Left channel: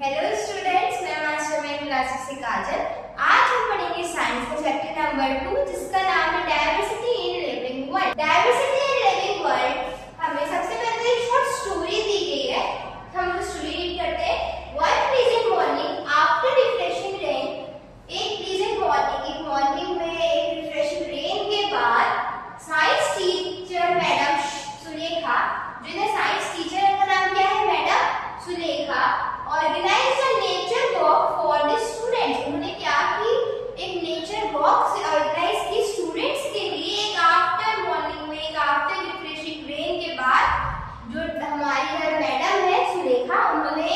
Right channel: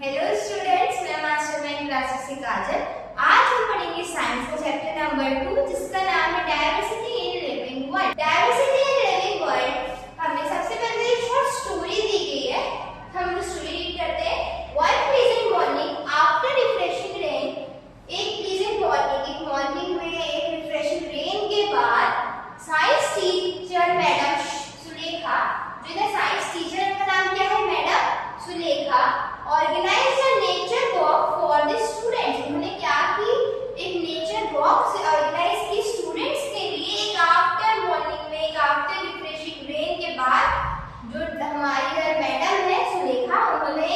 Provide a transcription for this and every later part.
Hello students, मैं master man classes से काजल। आज हम पढ़ेंगे साइंस का चैप्टर नंबर 2 जिसका नाम है diversity in living world. Diversity in living world हमें सबसे पहले एक शॉर्ट स्टोरी दी गई है। हम स्टोरी रीड करते हैं। One pleasant morning after refreshing rain, एक प्लीजेंट मॉर्निंग में एक रिफ्रेशिंग रेन के बाद साइंस टीचर मैडम सुलेखा, जिन्हें साइंस टीचर का नाम क्या है madam Sulekha, organise a nature walk for the students. उन्होंने क्या की, एक नेचर वॉक से ऑर्गेनाइज की स्टूडेंट्स के लिए। एक आफ्टर मॉर्निंग में, एक आफ्टर रिफ्रेशिंग रेन के बाद जो हमारी मैडम है सुलेखा, उन्होंने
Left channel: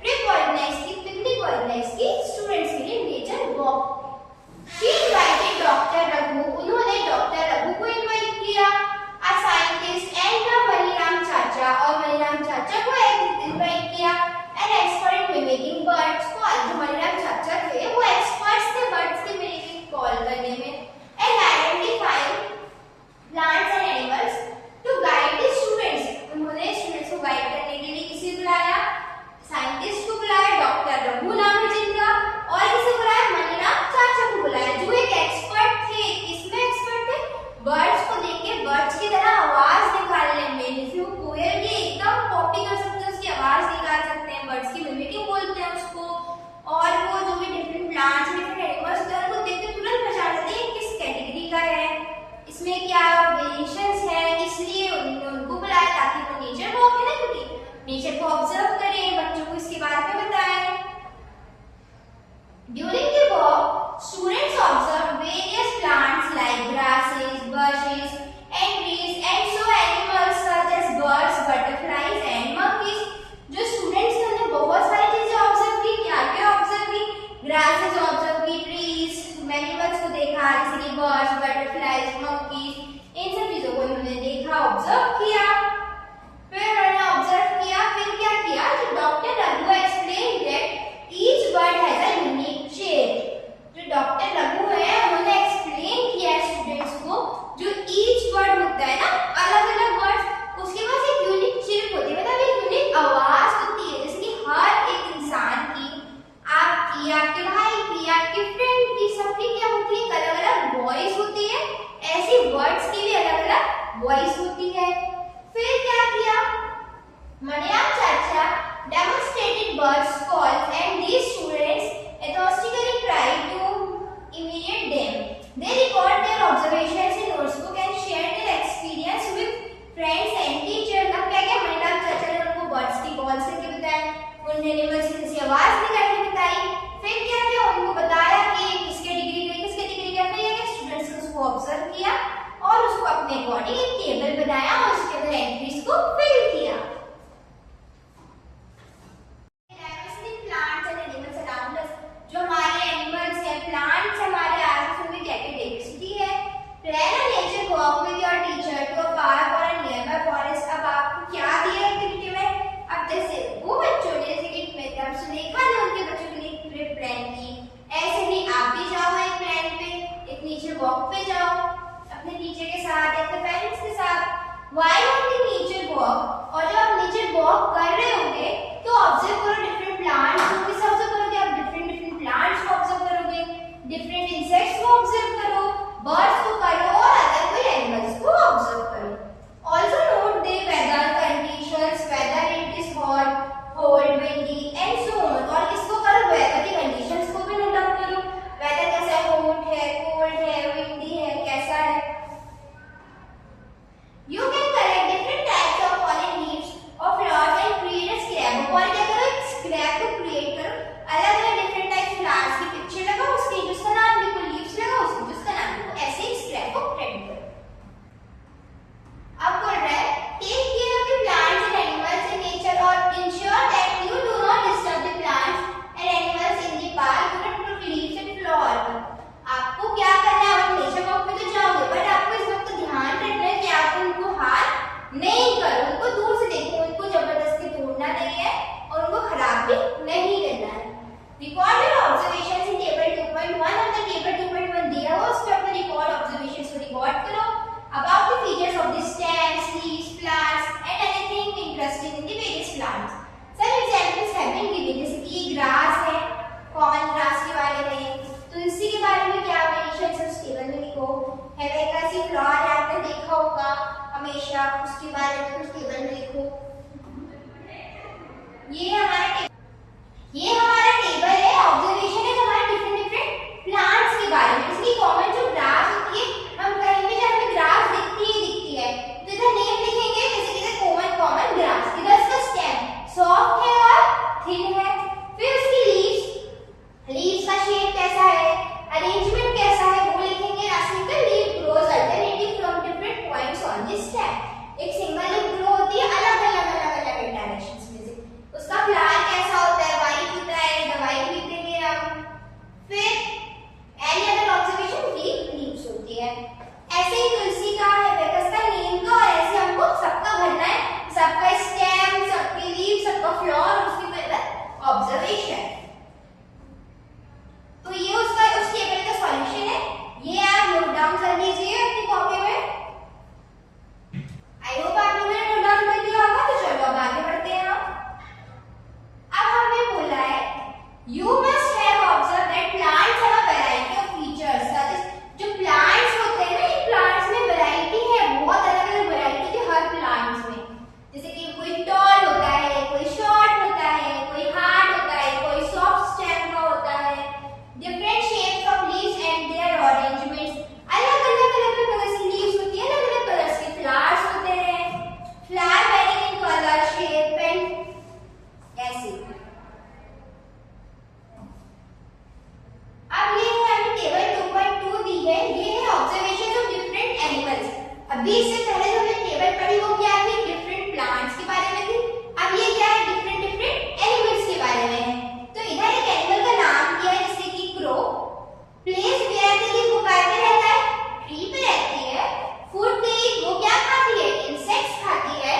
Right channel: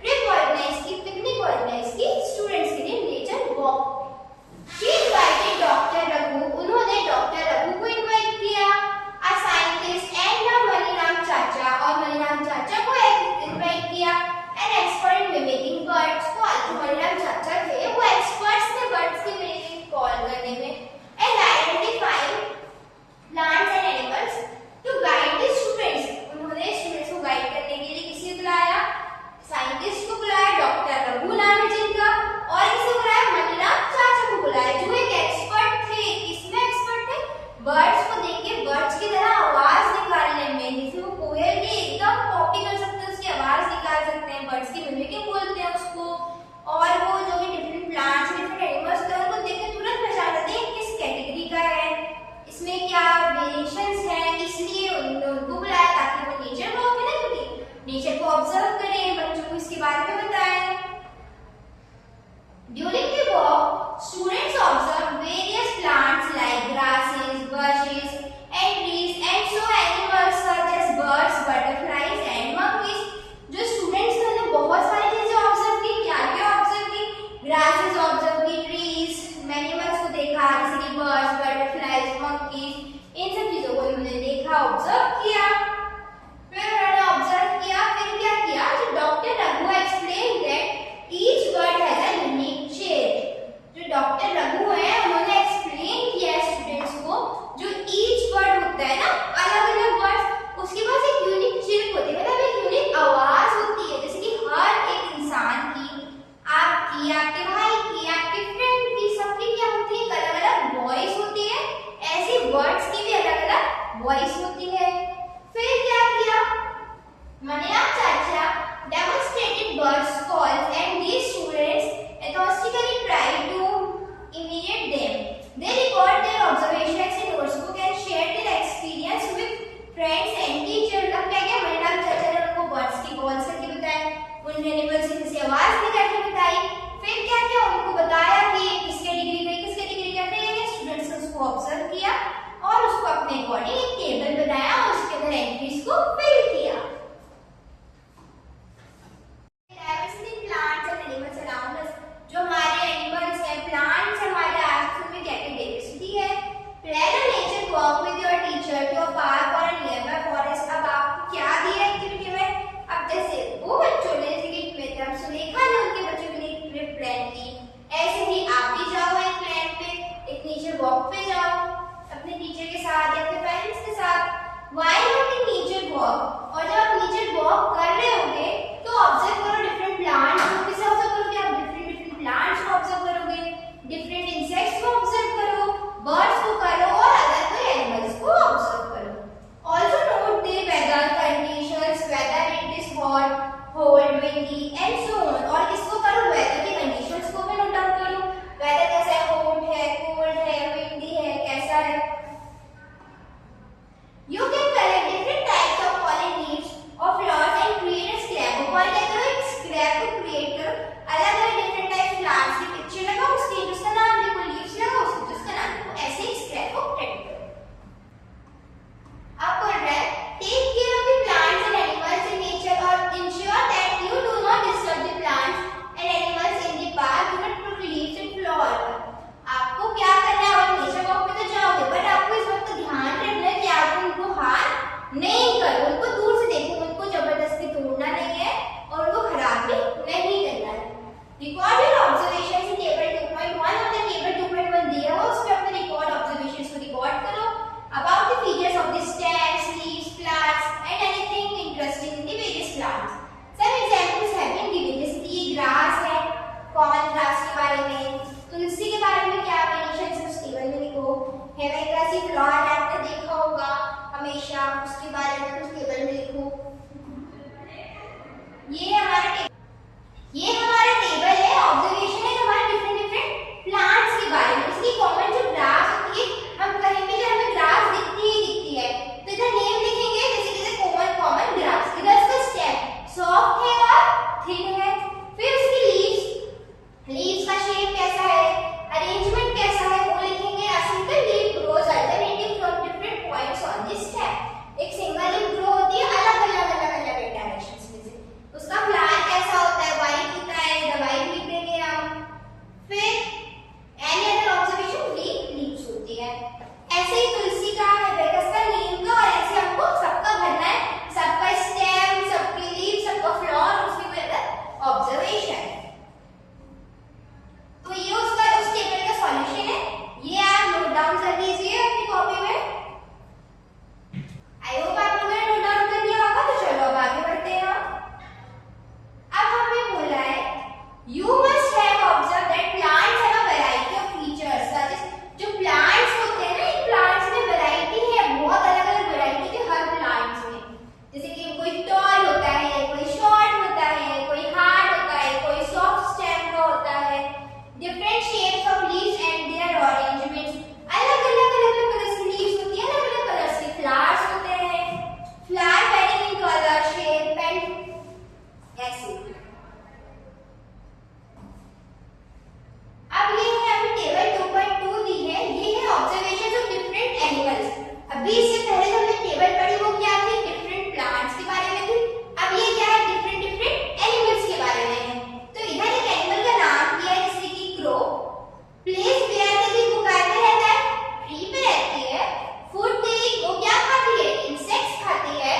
ट्रिप ऑर्गेनाइज की, पिकनिक ऑर्गेनाइज की स्टूडेंट्स के लिए nature walk. She invited doctor Raghu, उन्होंने डॉक्टर रघु को इनवाइट किया, अ साइंटिस्ट एंड मनीराम चाचा, और मनीराम चाचा को इनवाइट किया, एन एक्सपर्ट मिमिकिंग बर्ड्स को। जो मनीराम चाचा थे वो एक्सपर्ट्स थे बर्ड्स की मिमिकिंग कॉल करने में, and identifying plants and animals to guide the students. उन्होंने स्टूडेंट्स को गाइड करने के लिए किसे बुलाया, साइंटिस्ट को बुलाया, डॉक्टर रघु नाम है जिनका, और किसे बुलाया, मनीराम चाचा को बुलाया, जो एक एक्सपर्ट थे। किसमें एक्सपर्ट थे, बर्ड्स को देख के बर्ड्स की तरह आवाज निकालने में। जैसे वो कोयल की एकदम कॉपी कर सकते हैं, उसकी आवाज निकाल सकते हैं, बर्ड्स की मिमिकिंग बोलते हैं उसको। और वो जो भी डिफरेंट प्लांट्स, डिफरेंट एनिमल्स होते हैं, उनको देख के तुरंत पहचान लेते हैं किस कैटेगरी का है, इसमें क्या वेरिएशंस है। इसलिए उनको बुलाया ताकि वो नेचर वॉक है ना, क्योंकि नेचर को ऑब्जर्व करें, बच्चों को इसके बारे में बताएं। During the walk, students observed various plants like grasses, bushes, and trees, and saw animals such as birds, butterflies, and monkeys. जो students ने बहुत सारी चीजें ऑब्जर्व की। क्या क्या ऑब्जर्व की, ग्रासेस ऑब्जर्व की, ट्रीज, एनिमल्स को देखा, जैसे कि बर्ड्स, बटरफ्लाइज, मंकीज, इन सब चीजों को उन्होंने देखा, ऑब्जर्व किया। फिर उन्होंने ऑब्जर्व किया, फिर क्या किया, जो doctor Raghu explain that each bird has a unique shape. जो डॉक्टर रघु है उन्होंने एक्सप्लेन किया स्टूडेंट्स को, जो ईच बर्ड होता है ना, अलग अलग बर्ड्स, उसके पास एक यूनिक शेप होती है, मतलब एक यूनिक आवाज होती है। जैसे कि हर एक इंसान की, आपकी, आपके भाई की, आपके फ्रेंड की, सबकी क्या होती है, अलग अलग वॉइस होती है। ऐसी बर्ड्स की भी अलग अलग वॉइस होती है। फिर क्या किया, मनीराम चाचा demonstrated birds calls and these students enthusiastically tried to imitate them. They record their observations in notebook and share their experience with friends and teachers. अब क्या क्या मनीराम चाचा ने उनको बर्ड्स की कॉल करके बताया, उन एनिमल्स की जैसे आवाज निकाल के बताई। फिर क्या क्या उनको बताया कि किस कैटेगरी का, फिर स्टूडेंट्स ने उसको ऑब्जर्व किया और उसको अपने अकॉर्डिंग एक टेबल बनाया और थिन है। फिर उसकी लीव्स का शेप कैसा है, अरेंजमेंट कैसा है वो लिखेंगे। A single leaf grows alternating from different points on the stem. एक सिंगल लीफ ग्रो होती है अलग अलग डायरेक्शंस में से। उसका फ्लावर कैसा होता है, व्हाइट होता है, द व्हाइट लिख देंगे हम। फिर एनी अदर ऑब्जर्वेशन, लीव्स होती है। ऐसे ही तुलसी कहाँ है बेटा, उसका नीम का, और ऐसे हमको सबका भरना है, सबका स्टेम, सबकी लीफ, सबका फ्लावर, उसकी ऑब्जर्वेशन। तो ये उसका उस टेबल का सॉल्यूशन है, ये आप नोट डाउन कर लीजिए अपनी कॉपी में। आई होप आप लोगों ने नोट डाउन कर लिया होगा। तो चलो अब आगे बढ़ते हैं। अब हमें बोला है you must have observe that plants have a variety of features. That is, जो प्लांट्स होते हैं ना, इन प्लांट्स में वैरायटी है, बहुत अलग अलग वैरायटी है हर प्लांट्स में। जैसे कि कोई टॉल होता है, कोई शॉर्ट होता है, कोई हार्ड होता है, कोई सॉफ्ट स्टेम का होता है। Different shapes of leaves and their arrangements, अलग अलग कलर्स की लीव्स होती है, अलग अलग कलर्स के फ्लावर्स होते हैं। Flower very in colour, shape and ऐसे। अब ये है हम टेबल 2.2 दी है, ये है ऑब्जर्वेशन ऑफ डिफरेंट एनिमल्स। अभी इससे पहले जो हमने टेबल पढ़ी वो क्या थी, डिफरेंट प्लांट्स के बारे में थी। अब ये क्या है, डिफरेंट एनिमल्स के बारे में है। तो इधर एक एनिमल का नाम दिया है जैसे कि crow. Place where they live, वो कहाँ पे रहता है, ट्री पे रहती है। फूड दे ईट, वो क्या खाती है, इंसेक्ट्स खाती है।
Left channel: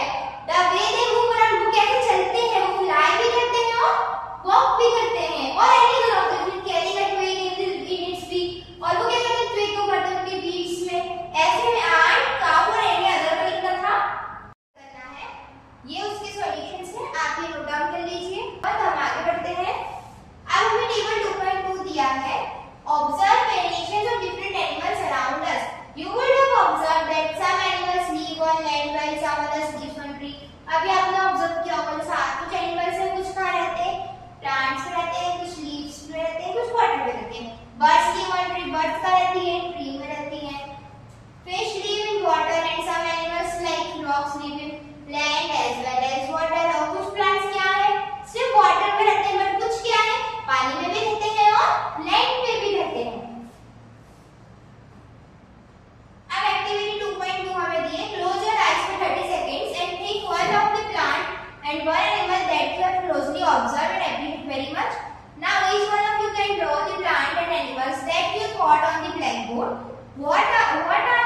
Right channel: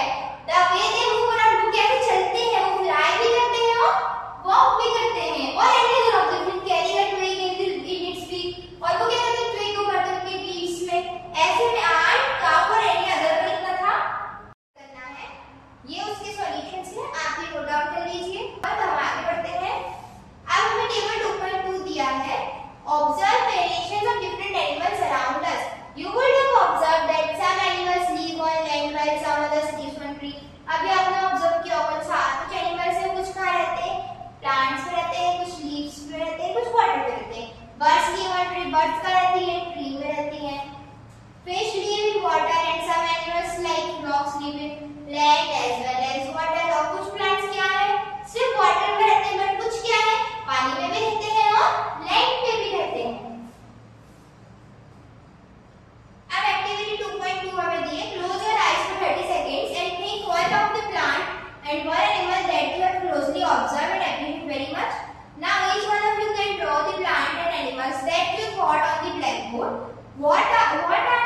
The way they move around, वो कैसे चलते हैं, वो फ्लाई भी करते हैं और वॉक भी करते हैं। और any other observation, carry that way in its beak, और वो क्या करते हैं, ट्री को करते हैं उनके बीक्स में। ऐसे में आंट, काऊ और एनी अदर का कितना था करना है। ये उसके सॉल्यूशंस हैं, आप ये नोट डाउन कर लीजिए। और हम आगे बढ़ते हैं। अब हमें टेबल 2.2 दिया है, observe variations of different animals around us. You would have observed that some animals live on land while some others live on tree. अभी आपने ऑब्जर्व किया होगा कुछ एनिमल्स हैं, कुछ कहाँ रहते हैं, प्लांट्स पे रहते हैं, कुछ लीव्स पे रहते हैं, कुछ वाटर पे रहते हैं। Birds live on tree, birds कहाँ रहती है, ट्री में रहती है। Fish live in water and some animals like frogs live in land as well as water. और कुछ प्लांट्स क्या है, सिर्फ वाटर में रहते हैं, बट कुछ क्या है, पानी में भी रहते हैं और लैंड पे भी रहते हैं। अब एक्टिविटी 2.2 हमें दी है, close your eyes for 30 seconds and think one of the plant and one animal that you have closely observed and appreciate very much. Now each one of you can draw the plant and animals that you thought on the blackboard. What are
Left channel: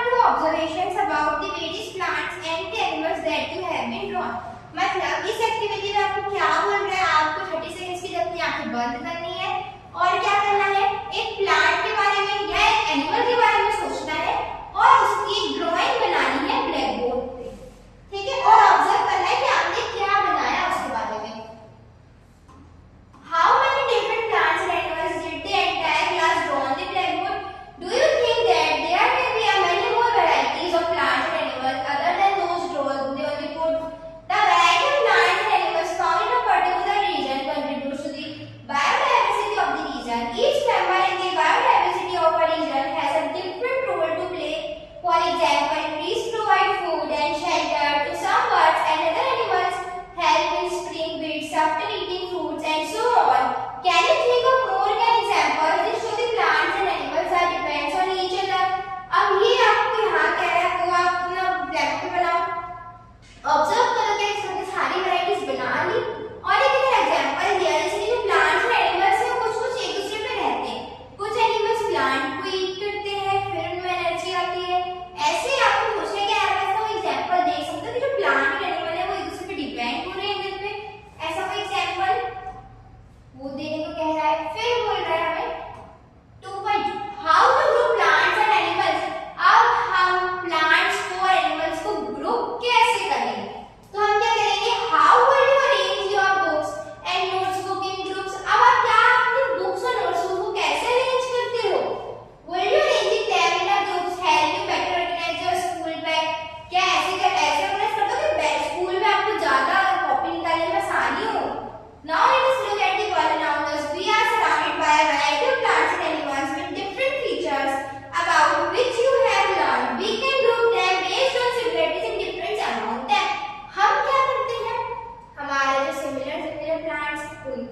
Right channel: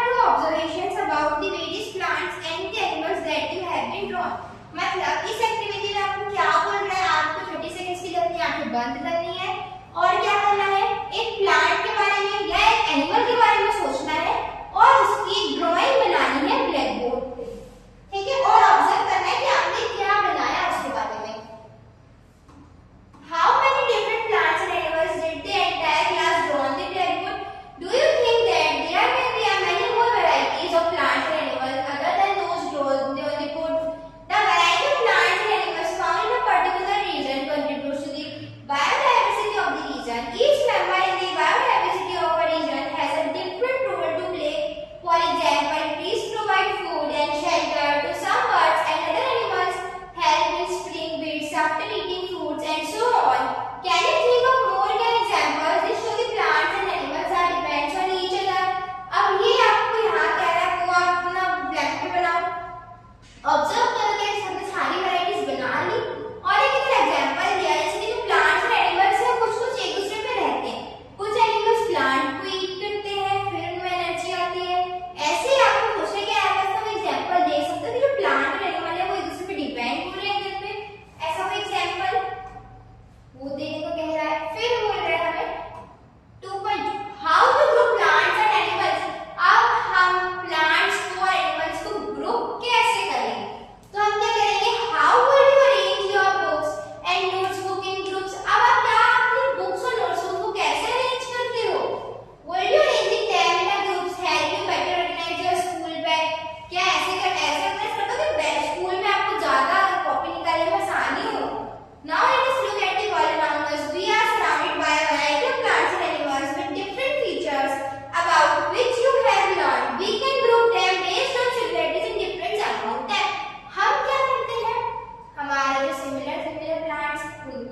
your observations about the various plants and the animals that you have been drawn? मतलब इस activity में आपको क्या बोल रहा है, आपको 30 seconds के लिए अपनी आंखें बंद करनी है और क्या करना है, एक प्लांट के बारे में या एक एनिमल के बारे में सोचना है और उसकी ड्राइंग बनानी है ब्लैक बोर्ड पे, ठीक है। और ऑब्जर्व करना है कि आपने क्या बनाया उसके बारे में। How many different plants and animals did the entire class draw on the blackboard? Do you think that there may be many more varieties of plants and animals other than those drawn on the board? The variety of plants and animals found in a particular region contributes to the biodiversity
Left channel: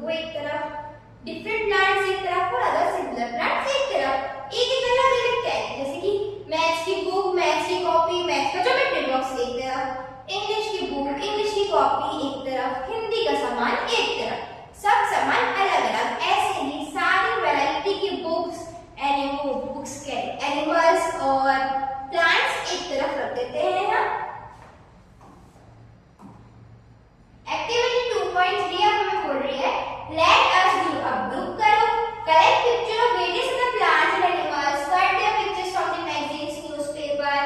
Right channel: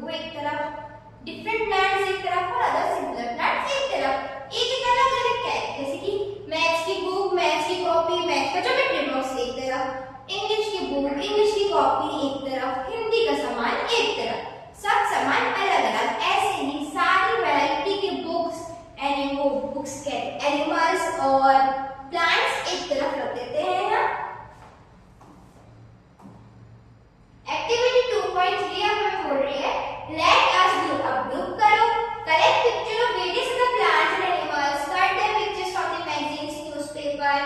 वो एक तरफ, different plants एक तरफ और other similar plants एक तरफ। एक अलग अलग कैटेगरी, जैसे कि मैथ्स की बुक, मैथ्स की कॉपी, मैथ्स का ज्योमेट्री बॉक्स एक तरफ, इंग्लिश की बुक, इंग्लिश की कॉपी एक तरफ, हिंदी का सामान एक तरफ, सब सामान अलग अलग। ऐसे ही सारी वैरायटी की बुक्स, एनिमल्स और प्लांट्स एक तरफ रख देते हैं ना। एक्टिविटी 2.3 अब हमें बोल रही है लेट अस डू, अब ग्रुप करो, collect picture of various other plants and animals, cut their pictures from the magazines, newspaper.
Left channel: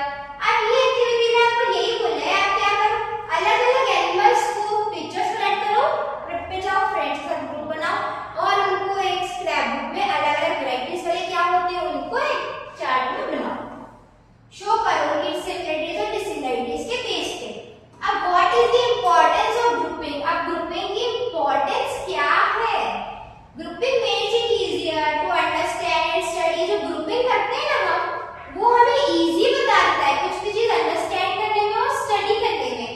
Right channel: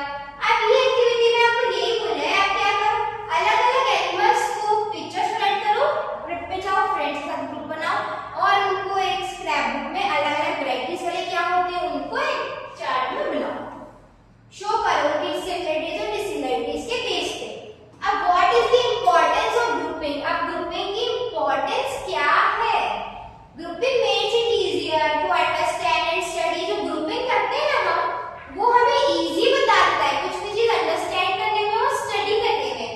अब ये एक्टिविटी में आपको यही बोला है, आप क्या करो, अलग अलग एनिमल्स को पिक्चर्स कलेक्ट करो, ट्रिप पे जाओ, फ्रेंड्स का ग्रुप बनाओ और उनको एक स्क्रैप बुक में अलग अलग वैरायटीज वाले क्या होते हैं उनको एक चार्ट में बनाओ, शो करो कि सिमिलरिटीज और डिसिमिलरिटीज के बेस पे। अब what is the importance of grouping, अब ग्रुपिंग की इंपॉर्टेंस क्या है? Grouping makes it easier to understand and study. जो ग्रुपिंग करते हैं ना हम, वो हमें इजी बताता है कुछ भी चीज अंडरस्टैंड करने में और स्टडी करने में।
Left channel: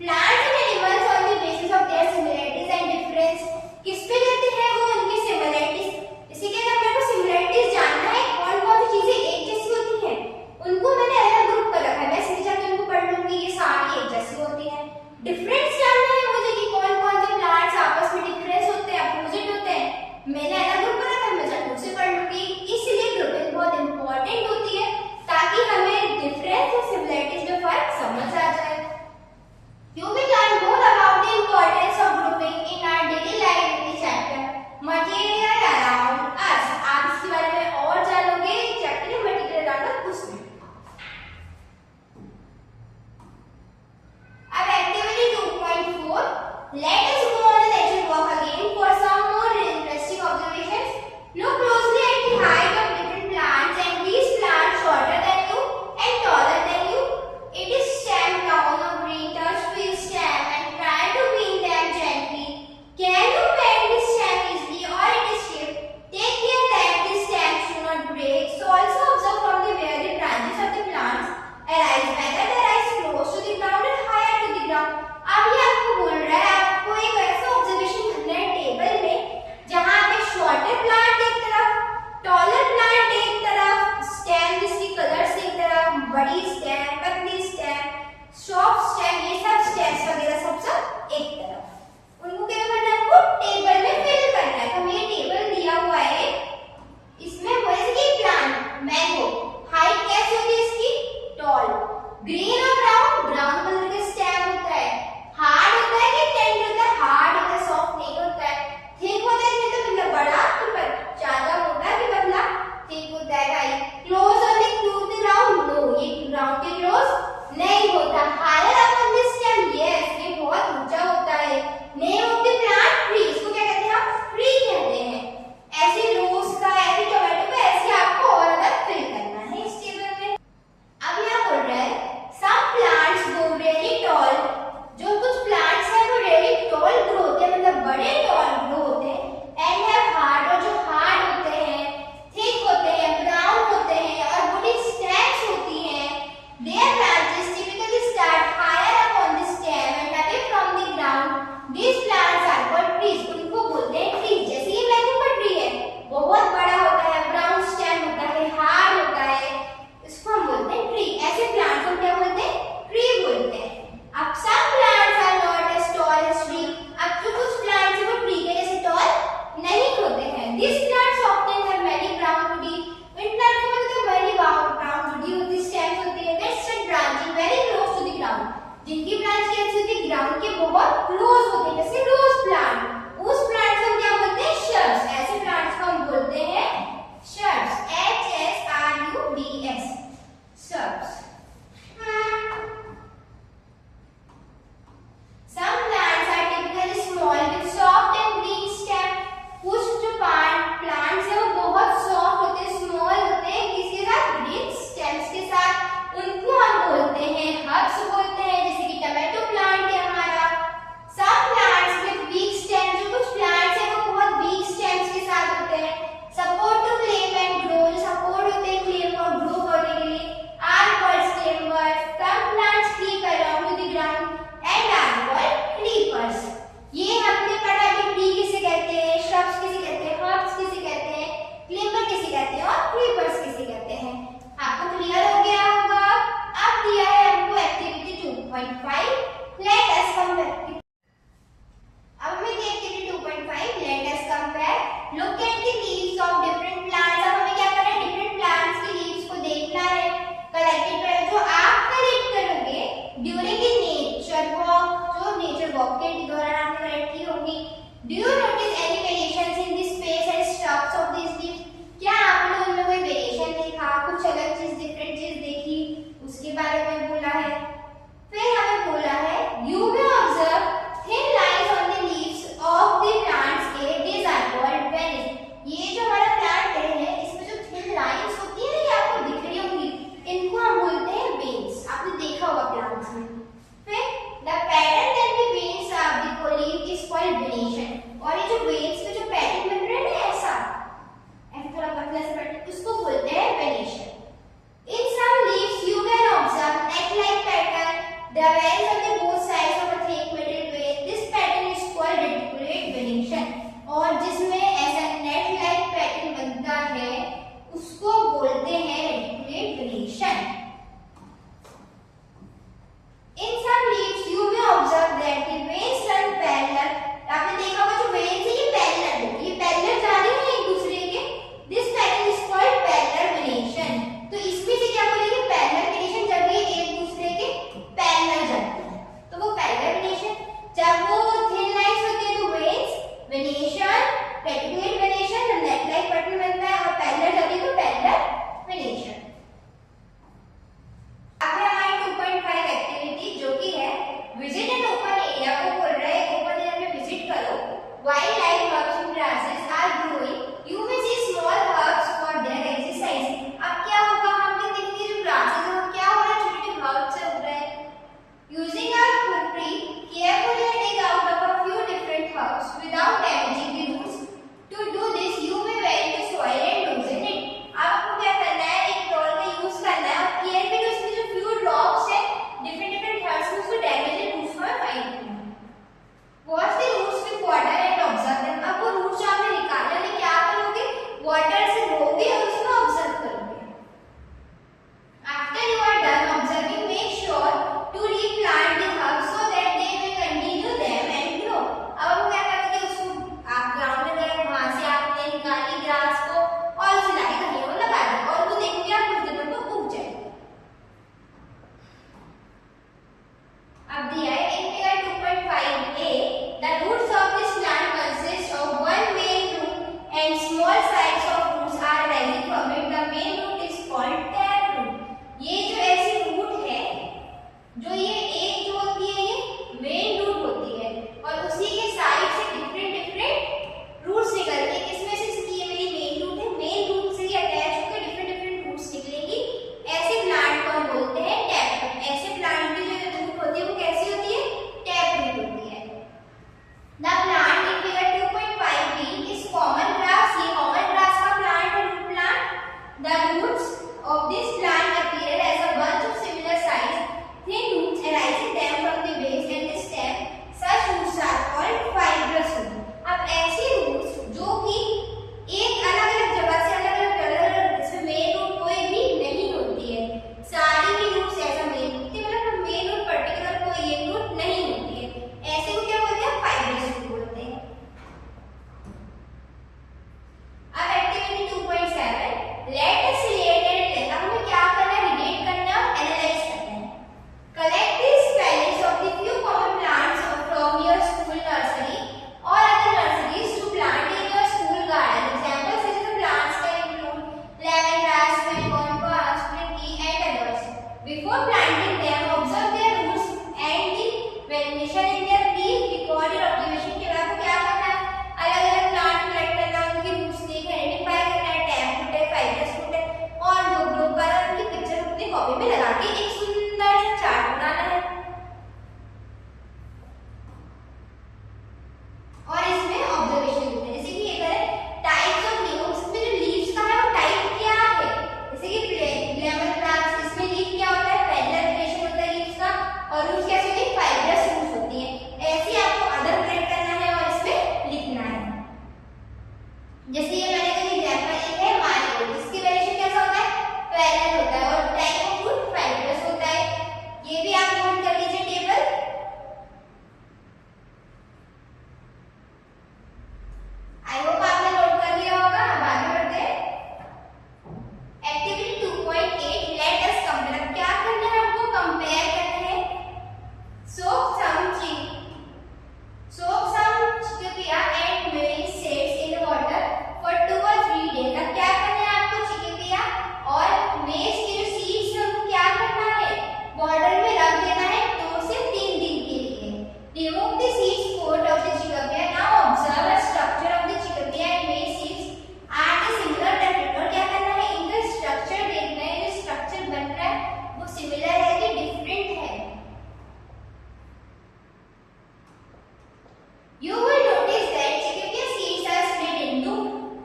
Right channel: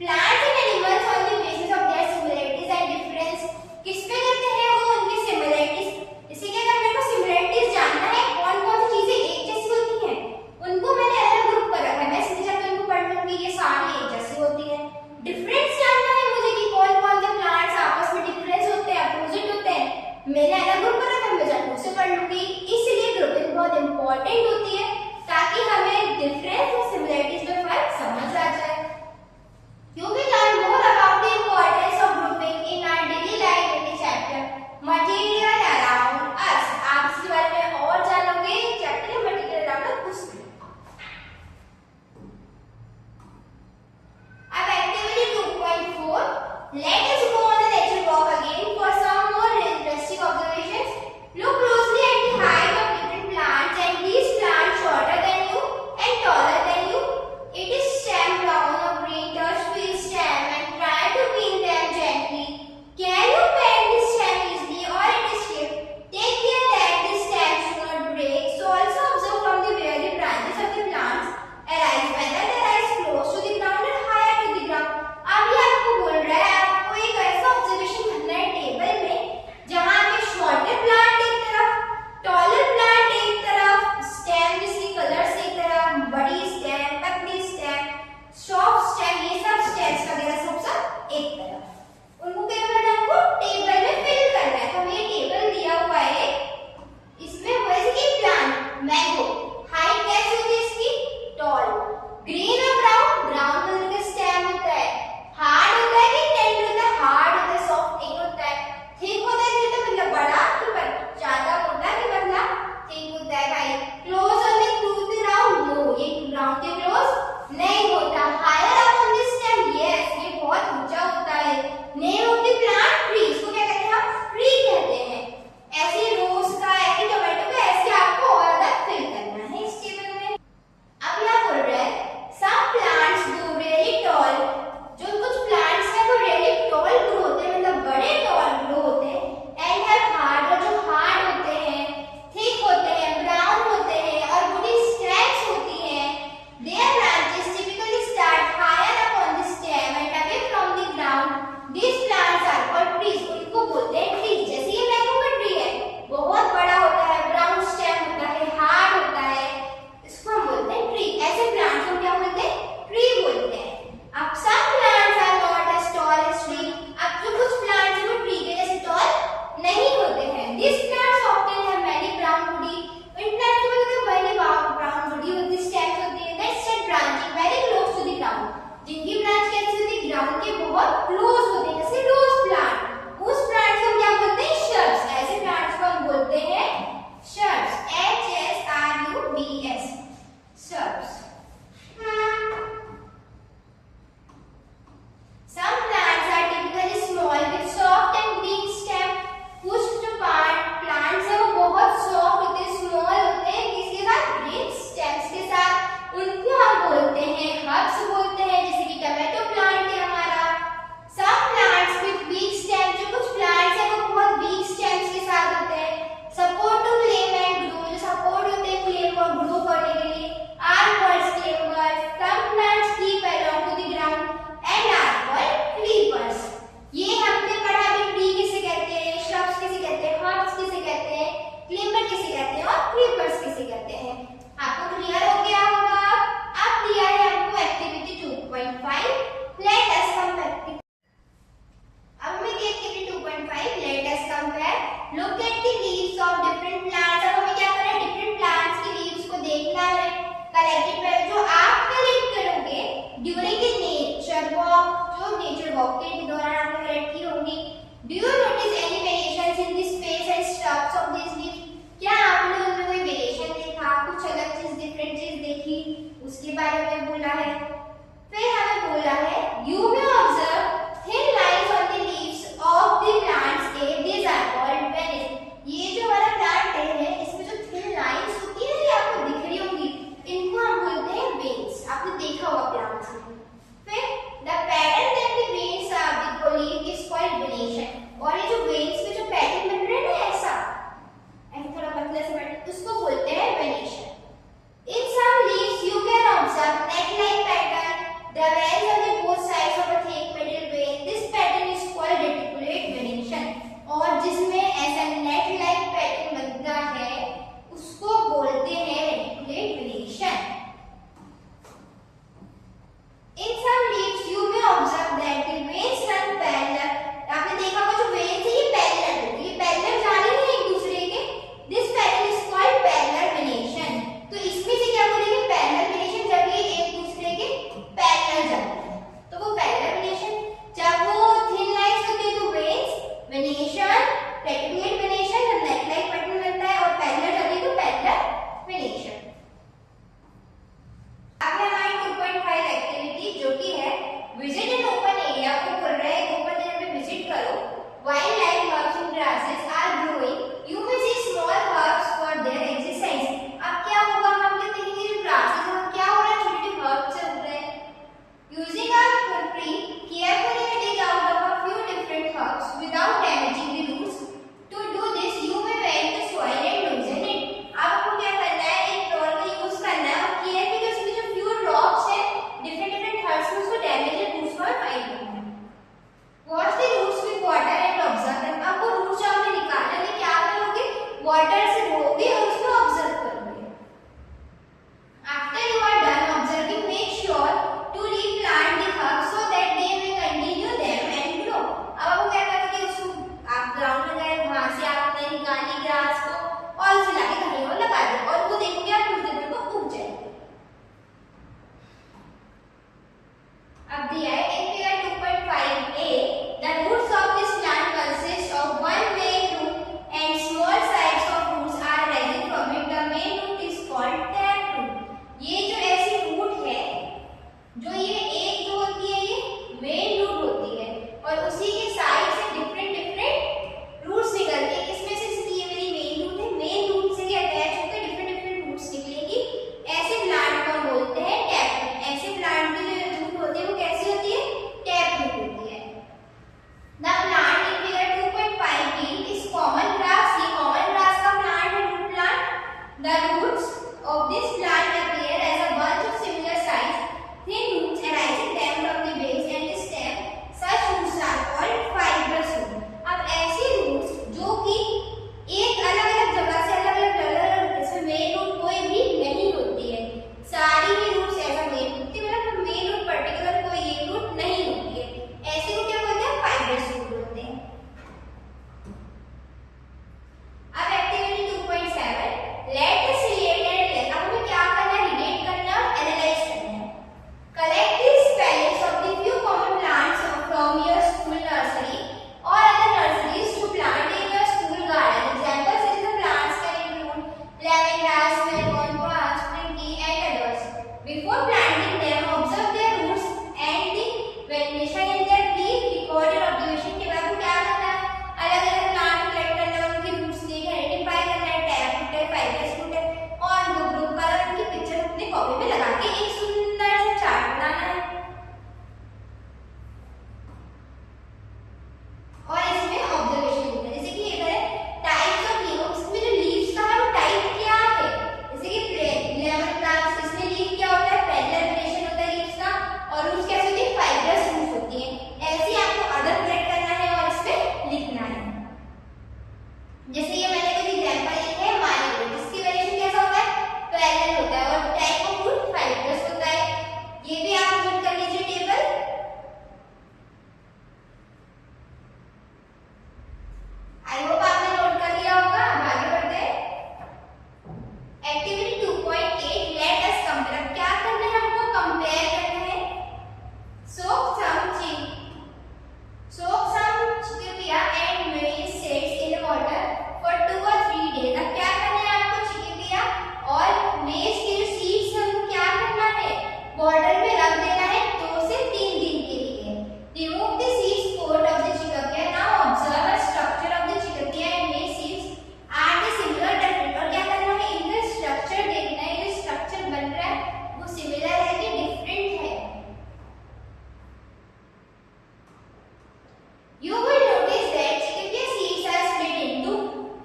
Plants and animals on the basis of their similarities and difference, किस पे कहते हैं वो उनकी सिमिलरिटीज। इसे क्या करना है, आपको सिमिलरिटीज जानना है, कौन कौन सी चीजें एक जैसी होती हैं, उनको मैंने अलग ग्रुप कर रखा है, मैं सीधे जाकर उनको पढ़ लूंगी, ये सारी एक जैसी होती है। डिफरेंस जानना है मुझे कि कौन कौन से प्लांट्स आपस में डिफरेंस होते हैं, अपोजिट होते हैं, मैंने अलग ग्रुप कर रखा है, मैं जाकर उससे पढ़ लूंगी। इसलिए ग्रुपिंग बहुत इंपॉर्टेंट होती है ताकि हमें डिफरेंस और सिमिलरिटीज में फर्क समझ आ जाए। You will learn more about the importance of grouping in our daily life in the chapter Material Around Us. आप इसके बारे में और जानोगे चैप्टर में मटेरियल अराउंड अस उसमें। अब activity 2.4, let us go on a nature walk again for some more interesting observations. Reticulate venation जब नेक लाइक पैटर्न बनता है और पैरेलल होती है तो पैरेलल वेनेशन। आगे हमारी 2.5 एक्टिविटी जो कि है विजिट एन ओपन एरिया को बोल रहा है, ओपन एरिया में विजिट करो। Wildlife herbs and grasses are growing, you will see small herbs for their exercise. अब क्या होगा, हम देखेंगे जो ग्रासेस है क्या हो रहा है, छोटे छोटे हर्ब्स से उग रहे हैं। यूजिंग आवर खुरपी carefully dig out of a few different herbs without damaging the roots. To do this, you may wet the soil and loosen it. आपको क्या करना है, एक ट्रॉल का यूज करना है और केयरफुली उसमें जो few drops है different herbs में उसको डैमेज the roots को हटाना है। Wash the roots with water and observe them. अब वो roots जो आपने निकाले उन्हें क्या करोगे, वाटर से धोगे और उसको ऑब्जर्व करोगे। After you are done observing, make sure to replant the herbs so that they may continue them and grow. अब हम क्या करेंगे, उसको आप ग्राउंड में गए, वहां से आपने निकाली ग्रास को और उसे लाके कहीं और लगा दिया और वो देखेंगे आप कुछ दिनों में उग जाएगी। अब दिया है in figure 2.5a, the roots of this plant consist of one main root and small sides of roots are rising from it. The main root is called taproot. ये जो ऐसी रूट है, जो ये एक जो होती है ये मेन रूट होती है और उसी के साइड से डिफरेंट डिफरेंट रूट्स निकलते हैं। इसमें से ये मेरी मेन रूट है, मेन रूट से ही अटैच होकर डिफरेंट डिफरेंट रूट्स निकलेंगी। ऐसे प्लांट को हम बोलते हैं टैप। ऐसे प्लांट की जो रूट होती है वो कैसी होती है, टैप रूट होती है। The plant in figure 2.5b is common grass. ये common grass का plant है, root plant. The roots of this plant appear as a bunch of similar size, thin roots arising them from the base and the stem. Such roots are called fibrous roots. अब ऐसे roots जो कि एक अलग-अलग जगह से अलग-अलग जैसे मेन रूट कोई भी नहीं होती है, सारी ही रूट्स ऐसा मेन होती है, मतलब मेन रूट पर्टिकुलर कोई एक रूट नहीं होती है, ऐसे को क्या बोलते हैं, फाइब्रस रूट बोलते हैं। अब activity 2.7 let us relate and analyse. अब हमें क्या करना है, रिलेट करना और एनालाइज करना है। Collect the spellings of the few common plants from your school nursery और other nurseries to plant in your school garden. Examples such as plants can include lemon grass, mango, palm, springy and others. Before planting them observe their roots and the venation in their leaf. Record your observation के बाद क्या करना है, अलग-अलग plant collect करना, उनकी roots देख identify करना है, टैप रूट है, फाइब्रस रूट है और दो ग्रुप कर उनकी पिक्चर अपनी कॉपी में लगा के एक सुंदर सा चार्ट बनाना है। और इसमें ऑब्जर्वेशन लिखना है, जैसे कि इधर टाइप्स ऑफ लीव्स, इसमें जो लीव्स का है वो टाइप क्या है, जैसे कि लेमन प्लांट्स, इसमें लीफ क्या होता है, पैरेलल वेनेशन होता है लीव्स का और रूट्स कैसे होती है, फाइब्रस रूट्स होती है। ऐसे ही आपको अदर कलेक्ट करना है और इसमें लिखना है। जैसे ये मैंने कोई एग्जांपल लिखा है मैंगो, इसकी वेनेशन कैसा होता है, पैरेलल होता है और टाइप ऑफ फ्रूट फाइब्रस होता है। ये भी आप नोट कर लीजिए टेबल। आई होप आपने नोट कर लिया होगा। अब आगे बढ़ते हैं। Activity 2.8 let us compare. क्या करना है, हमको कंपेयर करना है। सोक सम चिकपिया एंड मेरी seeds in water for 2 or 3 days। अब क्या करना है आपको, चिकपिया और मेज के जो सीड्स हैं उनको क्या करना है, बॉर्डर में रख देना है 2 से 3 दिन के लिए। Remove the seeds coat of the chickpea. Now observe the structure of the chickpea and maize seeds are the similar different. और क्या करना है, इनका स्ट्रक्चर देखना है, जो स्ट्रक्चर बन रहा है वो सिमिलर है कि डिफरेंट है। You will notice that चिकपिया seeds are split into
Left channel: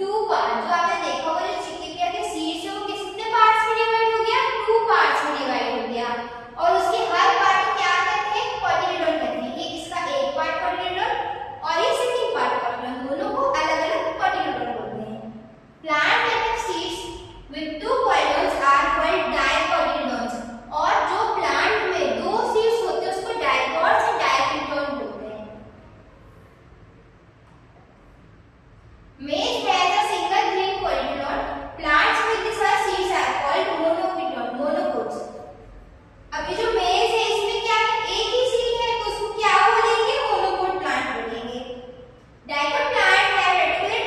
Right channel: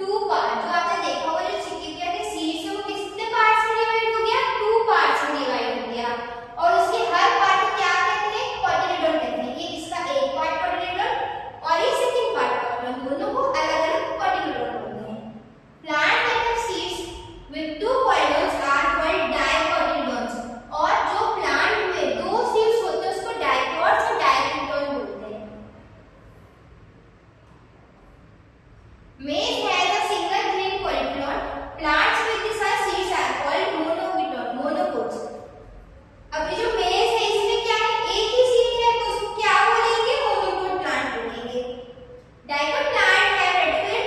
2 parts। जो आपने देखा वो जो चिकपिया के seeds है वो कितने पार्ट्स में डिवाइड हो गया, 2 पार्ट्स में डिवाइड हो गया और उसके हर पार्ट को क्या कहते हैं, कोटिलेडोन कहते हैं। ये इसका एक पार्ट कोटिलेडोन और ये सेकंड पार्ट कोटिलेडोन, दोनों को अलग-अलग कोटिलेडोन बोलते हैं। Plant that have seeds with 2 cotyledons are called dicotyledons। और जो प्लांट में 2 सीड्स होते हैं उसको डाइकोट्स और डाइकोटिलेडोन बोलते हैं। Maize has a single green cotyledon. Plants with these seeds are called monocots. अब ये जो मेज है इसमें क्या है, एक ही सीड है तो उसको क्या बोलेंगे, मोनोकोट प्लांट बोलेंगे। डाइकोट प्लांट है रेटिकुलेट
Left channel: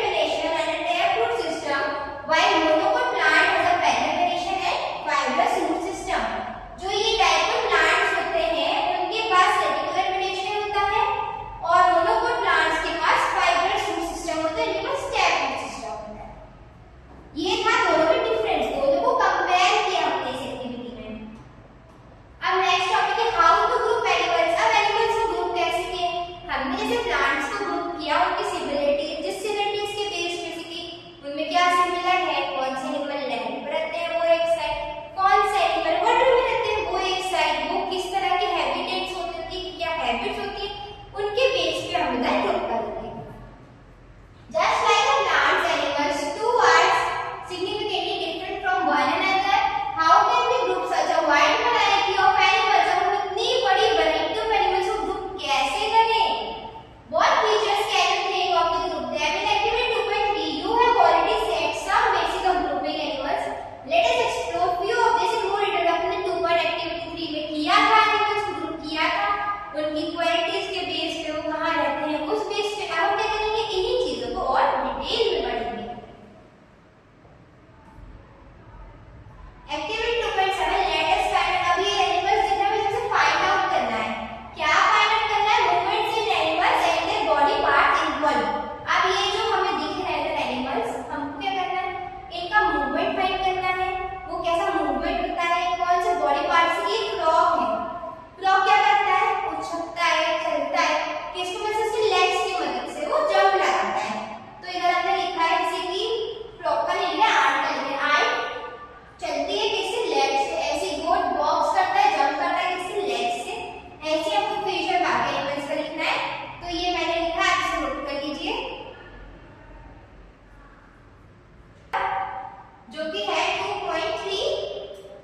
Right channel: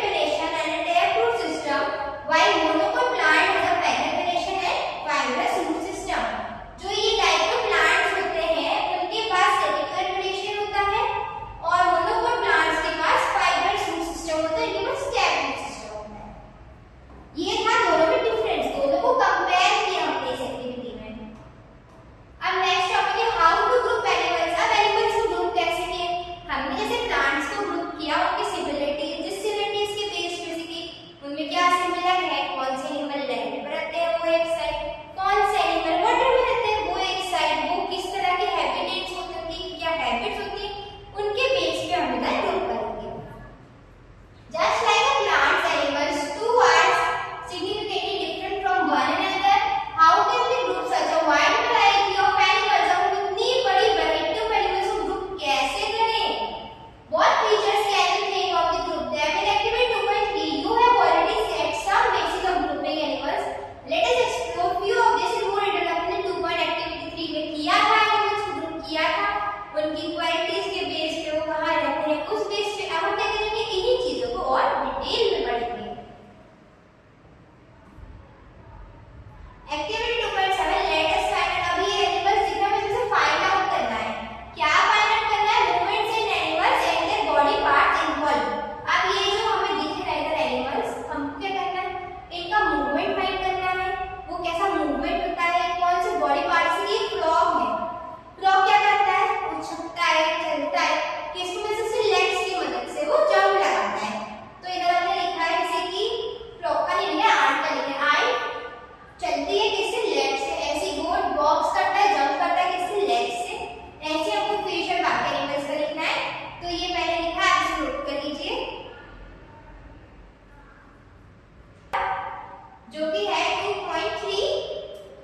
जो कि है 2.3।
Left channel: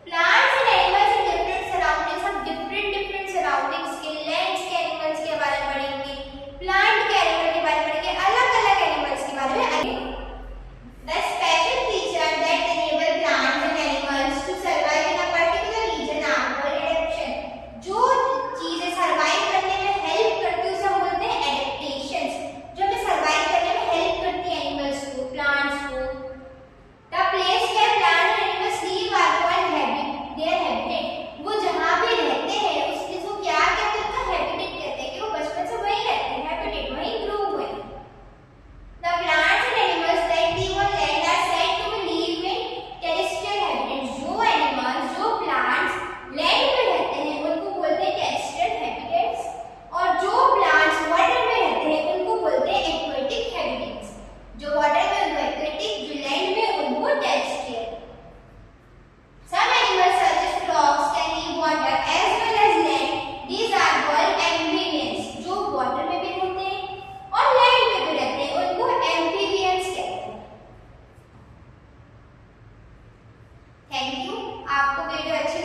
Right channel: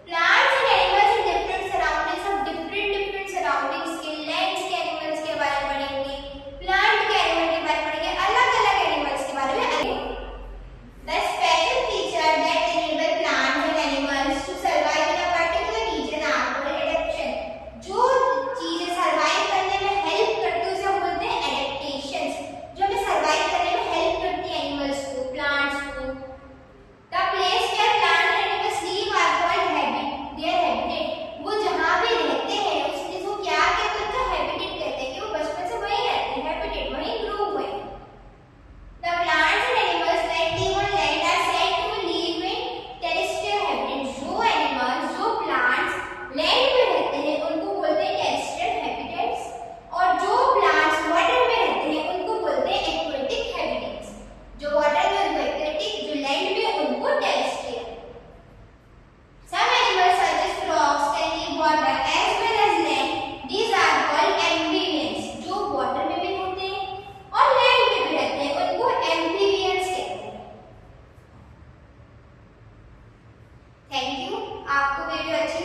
Plants and animals in different surroundings, हम डिफरेंट सराउंडिंग्स के लैंड्स के एनिमल्स के बारे में पढ़ेंगे, प्लांट के एनिमल के बारे में पढ़ेंगे, अलग अलग एनिमल्स के बारे में। The special feature that enable plants and animals to survive in a particular region are called adaptation. जो चीजें सर्वाइव करने में हेल्प करती है उसे हम बोलते हैं एडेप्टेशंस, जो हमें सर्वाइव करने में हेल्प करती है एनिमल्स को, प्लांट्स को। The place where plants and animals live are called their habitat. वो जहाँ पे रहते हैं उस चीज को क्या कहते हैं? तो हैबिटेट कहते हैं, कि वो बचपन से वहीं रहते हैं, हैबिटेट वहीं ग्रो हुए। The plants and animals that live on land are said to live in terrestrial habitats. जो animals, जो plants land पे रहते हैं उनको बोलते हैं terrestrial habitats, और जो plants water में रहते हैं उनको बोलते हैं aquatic habitats. जो water में उनको aquatic, जो land में उनको terrestrial. Some animals such as frogs can live water as well as land. These are called amphibians. जो water में भी रहते हैं और land पे भी रहते हैं उनको amphibians कहते हैं। Thank you. आपको वीडियो अच्छी